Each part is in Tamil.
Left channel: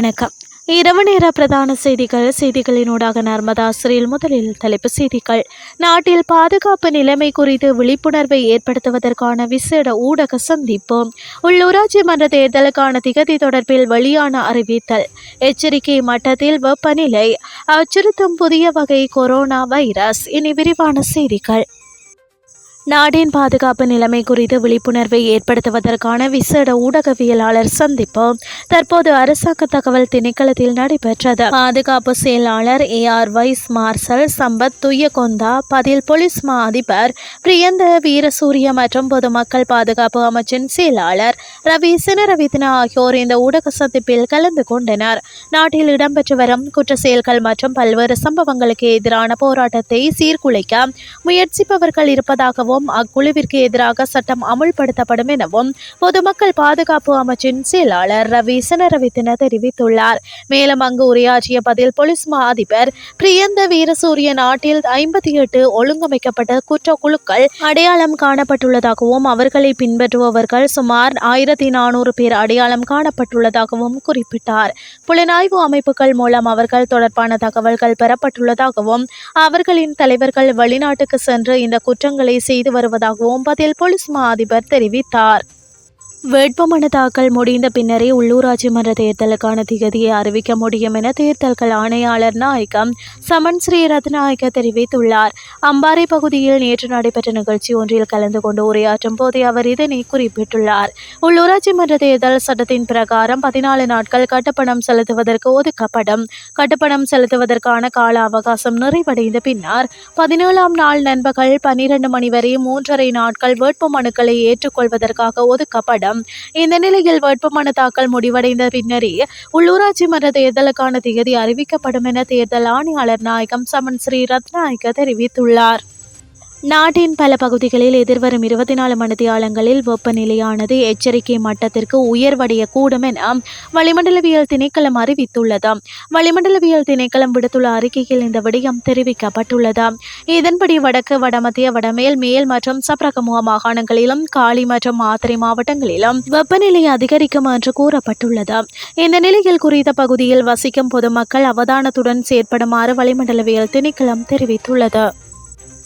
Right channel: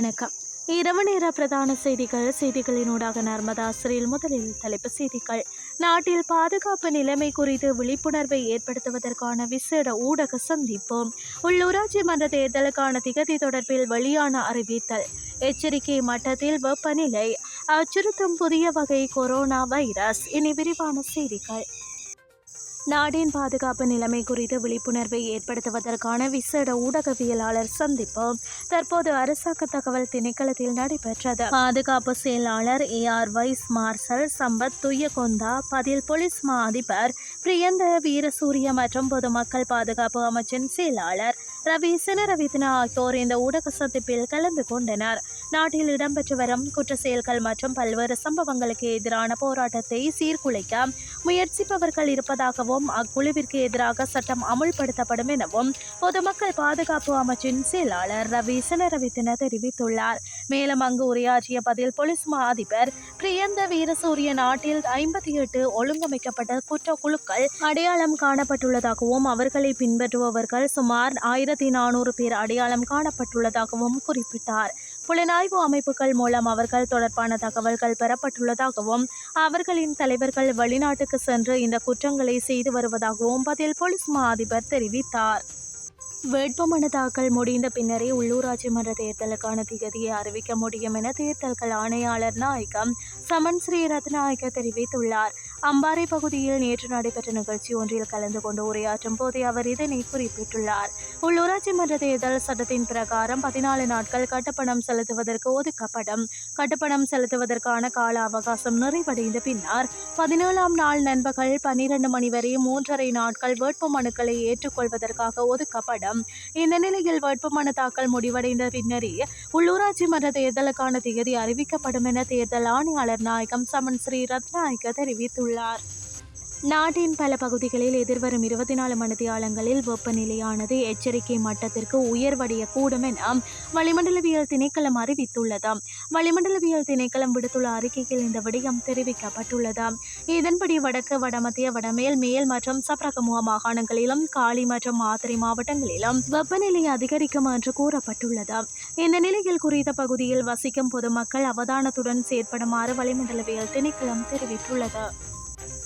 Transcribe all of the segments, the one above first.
வணக்கம். இரவு நேர பிரதான செய்திகள் செய்திகளினூடாக நர்மதா சிறில் முதலில் தலைப்பு செய்திகள். நாட்டில் பாதுகாப்பு நிலைமை குறித்து விழிப்புணர்வை ஏற்படுத்துவதற்கான விசேட ஊடக சந்திப்பு. உள்ளூராட்சி மன்ற தேர்தலுக்கான திகதி தொடர்பில் வெளியான அறிவித்தல். எச்சரிக்கை மட்டத்தில் வெப்பநிலை. அச்சுறுத்தும் புதிய வகை கொரோனா வைரஸ். இனி விரிவான செய்திகள். நாட்டின் பாதுகாப்பு நிலைமை குறித்து விழிப்புணர்வை ஏற்படுத்துவதற்கான விசேட ஊடகவியலாளர் சந்திப்பு தற்போது அரசாங்க தகவல் திணைக்களத்தில் நடைபெற்றது. பாதுகாப்பு செயலாளர் air vice marshal Sampath Thuyacontha பதில் போலீஸ் மா அதிபர் பிரியந்த வீரசூரிய மற்றும் பொதுமக்கள் பாதுகாப்பு அமைச்சின் செயலாளர் ரவி சினரவித்ன ஆகியோர் இந்த ஊடக சந்திப்பில் கலந்து கொண்டனர். நாட்டில் இடம்பெற்று வரும் குற்ற செயல்கள் மற்றும் பல்வேறு சம்பவங்களுக்கு எதிரான போராட்டத்தை சீர்குலைக்க முயற்சிப்பவர்கள் இருப்பதாகவும் அக்குழுவிற்கு எதிராக சட்டம் அமுல்படுத்தப்படும் எனவும் பொதுமக்கள் பாதுகாப்பு அமைச்சின் செயலாளர் ரவி சினரவித்தின தெரிவித்துள்ளார். மேலும் அங்கு உரையாற்றிய பதில் போலீஸ் மா அதிபர் பிரியந்த வீரசூரிய நாட்டில் ஐம்பத்தி எட்டு ஒழுங்கமைக்கப்பட்ட குற்ற குழுக்கள் அடையாளம் காணப்பட்டுள்ளதாகவும் அவர்களை பின்பற்றுபவர்கள் சுமார் ஆயிரத்தி நானூறு பேர் அடையாளம் காணப்பட்டுள்ளதாகவும் குறிப்பிட்டார். புலனாய்வு அமைப்புகள் மூலம் அவர்கள் தொடர்பான தகவல்கள் பெறப்பட்டுள்ளதாகவும் அவர்களின் தலைவர்கள் வெளிநாட்டுக்கு சென்று இந்த குற்றங்களை செய்து வருவதாகவும் பதில் போலீஸ் மா அதிபர் தெரிவித்தார். வேட்புமனு தாக்கல் முடிந்த பின்னரே உள்ளூராட்சி மன்ற தேர்தலுக்கான திகதியை அறிவிக்க முடியும் என தேர்தல்கள் ஆணையாளர் நாயகம் சமன் ஸ்ரீரத்நாயக்க தெரிவித்துள்ளார். அம்பாறை பகுதியில் நேற்று நடைபெற்ற நிகழ்ச்சி ஒன்றில் கலந்து கொண்டு உரையாற்றும் போதே அவர் இதனை குறிப்பிட்டுள்ளார். உள்ளூராட்சி மன்ற தேர்தல் சட்டத்தின் பிரகாரம் பதினாலு நாட்கள் கட்டுப்பணம் செலுத்துவதற்கு ஒதுக்கப்படும். கட்டுப்பணம் செலுத்துவதற்கான கால அவகாசம் நிறைவடைந்த பின்னர் பதினேழாம் நாள் நண்பகல் பன்னிரண்டு மணி வரை மூன்றரை நாட்கள் வேட்புமனுக்களை ஏற்றுக்கொள்வதற்காக ஒதுக்கப்படும். இந்த நிலையில் வேட்புமனு தாக்கல் முடிவடைந்த பின்னரே உள்ளூராட்சி மன்ற தேர்தலுக்கான தேதி அறிவிக்கப்படும் என தேர்தல் ஆணையாளர் நாயகம் சமன் ஸ்ரீ ரத்நாயக்க தெரிவித்துள்ளார். நாட்டின் பல பகுதிகளில் எதிர்வரும் இருபத்தி நாலு மணித்தியாலங்களில் வெப்பநிலையானது எச்சரிக்கை மட்டத்திற்கு உயர்வடையக்கூடும் என வளிமண்டலவியல் திணைக்களம் அறிவித்துள்ளது. வளிமண்டலவியல் திணைக்களம் விடுத்துள்ள அறிக்கையில் இந்த விடயம் தெரிவிக்கப்பட்டுள்ளது. இதன்படி வடக்கு வடமத்திய வடமேல் மேல் மற்றும் சப்ரகமுக மாகாணங்களிலும் காலி மற்றும் மாத்திரை மாவட்டங்களிலும் வெப்பநிலை அதிகரிக்கும் என்று கூறப்பட்டுள்ளது. இந்த நிலையில் குறித்த பகுதியில் வசிக்கும் பொதுமக்கள் அவதானத்துடன் செயற்படுமாறு வளிமண்டலவியல் திணைக்களம் தெரிவித்துள்ளது.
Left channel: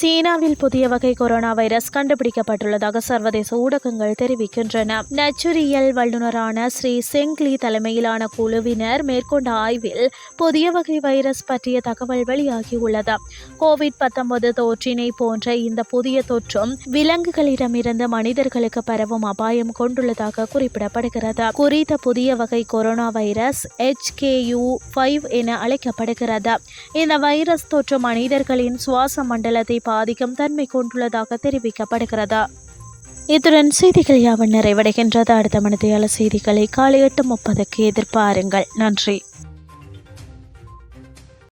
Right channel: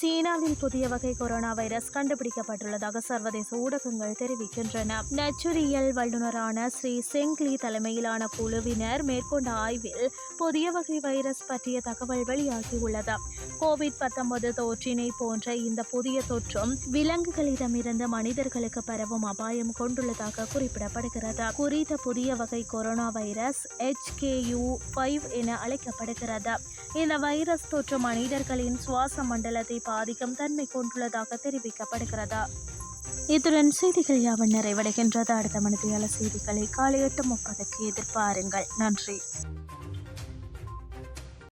சீனாவில் புதிய வகை கொரோனா வைரஸ் கண்டுபிடிக்கப்பட்டுள்ளதாக சர்வதேச ஊடகங்கள் தெரிவிக்கின்றன. நச்சுரியல் வல்லுநரான ஸ்ரீ செங்லி தலைமையிலான குழுவினர் மேற்கொண்ட ஆய்வில் புதிய வகை வைரஸ் பற்றிய தகவல் வெளியாகியுள்ளது. கோவிட் பத்தொன்பது தொற்றினை போன்ற இந்த புதிய தொற்றும் விலங்குகளிடமிருந்து மனிதர்களுக்கு பரவும் அபாயம் கொண்டுள்ளதாக குறிப்பிடப்படுகிறது. குறித்த புதிய வகை கொரோனா வைரஸ் HKU ஃபைவ் என அழைக்கப்படுகிறது. இந்த வைரஸ் தொற்று மனிதர்களின் சுவாச மண்டலத்தை பாதிக்கும் தன்மை கொண்டுள்ளதாக தெரிவிக்கப்படுகிறது? இத்துடன் செய்திகள் யாவன் நிறைவடைகின்றது. அடுத்த மனதையாள செய்திகளை காலை எட்டு முப்பதுக்கு எதிர்பாருங்கள். நன்றி.